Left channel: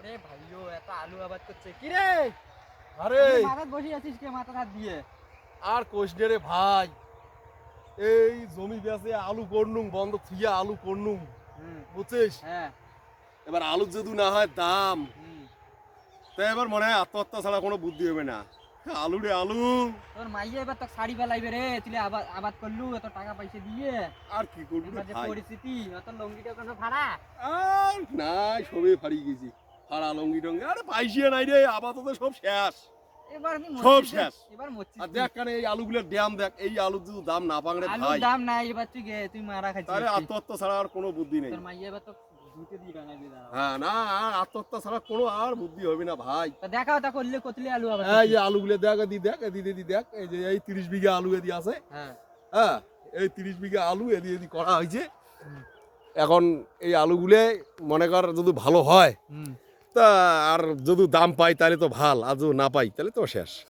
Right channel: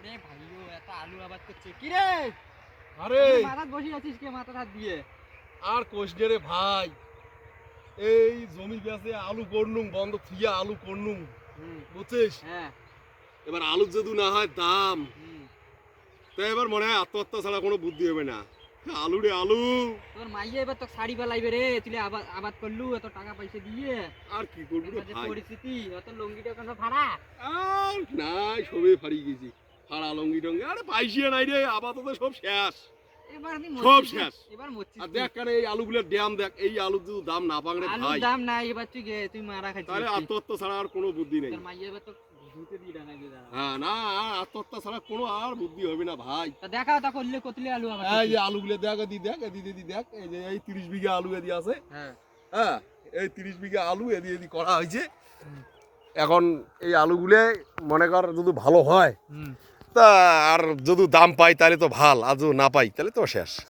ওরে ভাইও এত আলু আবাদ করছে কি রে? আরে মাথায় বসে আছিস কে মাথা হাত দিয়ে? আর কোষ রে ভাই, এই জমি বেচে আলু করলুম, বন্ধ থুইয়া আলু করলুম, বুঝছিস? হ্যাঁ। এবার আলু যদি না হয় দাম, হুম। তাই এবার মনে হয় আত্মহত্যা ছাড়া কোনো বুদ্ধি হবে না। আলু রে আলু। তোর মাইয়ে এবার তো শাড়ি পালাইবে রে, তুই আবাদ আবাদ করলু এত টাকা পয়সা দিয়ে। আর কি করবো রে এবার যে ভাই, পরিস্থিতি অত লঙ্গিটা কোনো ভাড়া। আর নাই সবে ফারিয়ে গেছি। ফাড়া লঙ্গি টঙ্গি আরে পাইছিয়ে নাই রে, আপাতত সব শেষ। এবার কি সব মরছিস শেষ। এবার মরছিস আর তুই। দেখ কেন এই আলুগুলোর দাম দেখ, এই আলুর যদি দাম না পাক রে আলুর ভাই, দাম নাই এবার তুই মারা খাচ্ছিস। তাহলে আত্মহত্যা ছাড়া আর কোনো বুদ্ধি নেই। তোর মাইয়ে এবার তো ঝুঁকে দিয়ে ডাঙাই দিয়ে দাঁড়াও। হ্যাঁ না, আর আত্মহত্যা ছাড়া কোনো আর বুদ্ধি হবে না ভাই। তো দেখাও তা করলে কতলে আলু আবাদ এই যে করছিস? আলুগুলো দেখ, এদি দেখ, এই যে এই 30 বিঘা আলু এদি আছে। হ্যাঁ। হ্যাঁ, এই 30 বিঘা আলু এদি করা হয়েছে। এখন এই আলুগুলো মনে কর যদি ভালো হয়, তা আর যদি দাম পাই তাহলে তো ভাল, আর যদি না পাই তাহলে তো শেষ।